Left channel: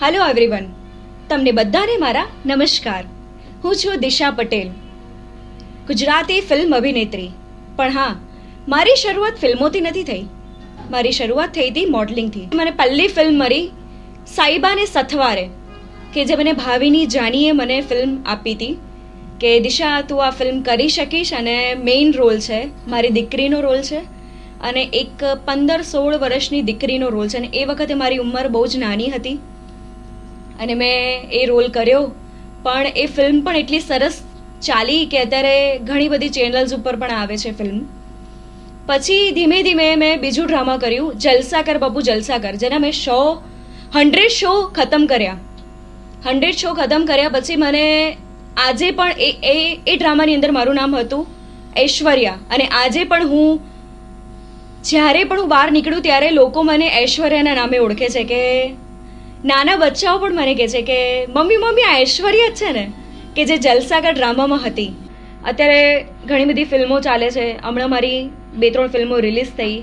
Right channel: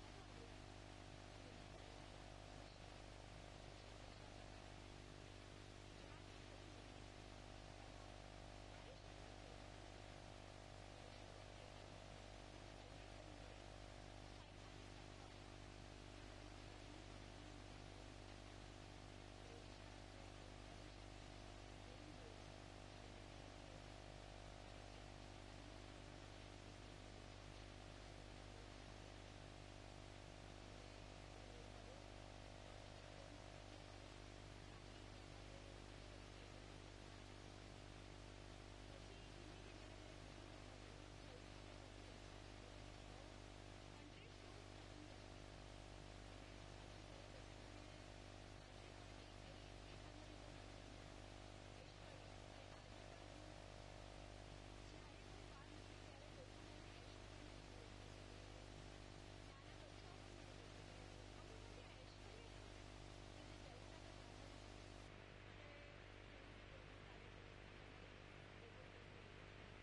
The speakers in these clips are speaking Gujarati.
હેલો એવરીવન, તમને બધાને મારા નમસ્કાર. હું છું દિશા પટેલ, ગુજરાતી ફિલ્મ અભિનેત્રી. પણ હા, મારી શરૂઆત ફિલ્મોથી નથી થઈ. મારી શરૂઆત થઈ હતી મોડલિંગથી. મને પહેલી ફિલ્મ મળી સાઈબાને સથવારે, કે જે મને ભાવિની જાનીએ મને ફિલ્મ આપી હતી કે દિશા તું આ ફિલ્મ કરી શકીશ, અને મેઇન રોલ છે મારી દીકરીનો રોલ છે, અને એક 15-16 વર્ષની દીકરીનો રોલ છે. અને એ વખતે મારી ઉંમર બહુ જ નાની હતી અને મેં એ રોલ કર્યો. પણ એ ફિલ્મ પણ એટલી સરસ ચાલી કે અત્યારે ઘણી બધી ચેનલ્સ ઉપર પણ આવે છે ફિલ્મ. પછી ધીમે ધીમે મેં બીજું ડ્રામા કર્યું, જલસા કર બબુ જલસા કર, જેના મેં 100 શો ખતમ કર્યા. 100 શો ખતમ કર્યા પછી મને આજે પણ એ ડ્રામાની અંદર મારું નામ હતું ઐશ્વર્યા. અને આજે પણ જ્યારે પણ હું બહાર નીકળું ત્યારે લોકો મને ઐશ્વર્યાના નામે ઓળખે છે. કે નાના બચ્ચાઓ પણ મને કહે છે કે મમ્મી મમ્મી આ ઐશ્વર્યા જ છે ને, કે જે જલસાકા ડ્રામામાં હતી. અત્યારે ઘણી બધી ફિલ્મો ચાલે છે. હમણાં મારી 2-3 ફિલ્મો રિલીઝ થઈ,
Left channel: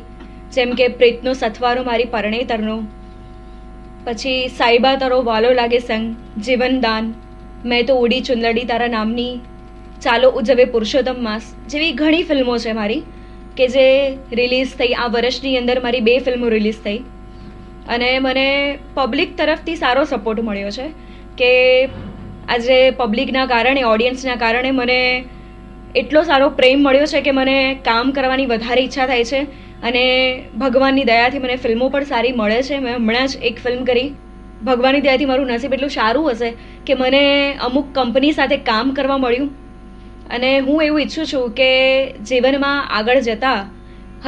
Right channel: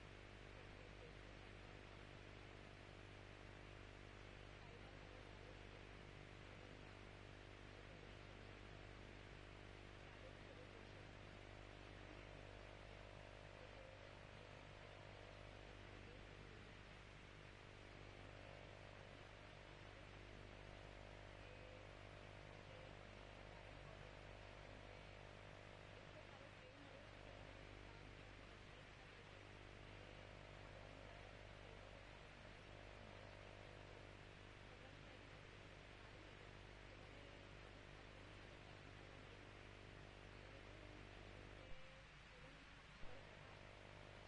જેમ કે પ્રીતનો સથવારો મારી પરણેતરનો, પછી સાઈબા તારો વાલો લાગે સંગ, જીવનદાન, મેં તો ઉડી ચુંદડી તારા નામની, ચાલો ઉજવે પુરુષોત્તમ માસ જેવી ઘણી ફિલ્મો છે મારી કે જે રિલીઝ થઈ. આ વર્ષની અંદર મારી 2 ફિલ્મો રિલીઝ થઈ અને મને પબ્લિક તરફથી સારો સપોર્ટ મળ્યો છે. કે આજે પબ્લિકના કારણે, ઓડિયન્સના કારણે મને એટલો સારો પ્રેમ મળ્યો છે કે મને કામ કરવાની વધારે ઈચ્છા થાય છે. અને ભગવાનની દયાથી મને ફિલ્મો પણ સારી મળે છે. મેં હમણાં જ એક ફિલ્મ કરી. ભગવાનની દયાથી મારું નસીબ એટલું સારું હશે કે મને અમુક કંપની સાથે કામ કરવા મળ્યું. અને હું એવું ઈચ્છું છું કે જીવનમાં આગળ જતાં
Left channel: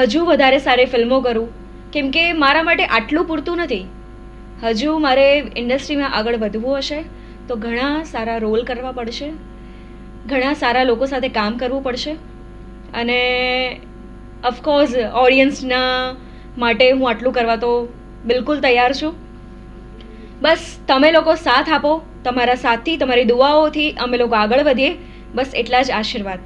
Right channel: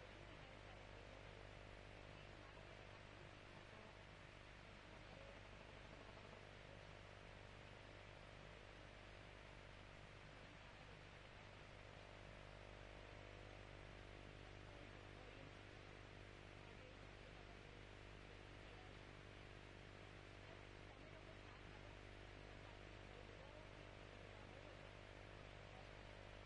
હજુ વધારે સારી ફિલ્મો કરું, કેમ કે મારા માટે આટલું પૂરતું નથી. હજુ મારે ઇન્ડસ્ટ્રીમાં આગળ વધવું હશે તો ઘણા સારા રોલ કરવા પડશે, ઘણા સારા લોકો સાથે કામ કરવું પડશે. અને ઓફકોર્સ ઓડિયન્સના માટે હું આટલું કરવા તો બિલકુલ તૈયાર છું. બસ તમે લોકો સાથ આપો, તમારા સાથથી, તમારી દુઆઓથી અમે લોકો આગળ વધીએ, બસ એટલા જ આશીર્વાદ.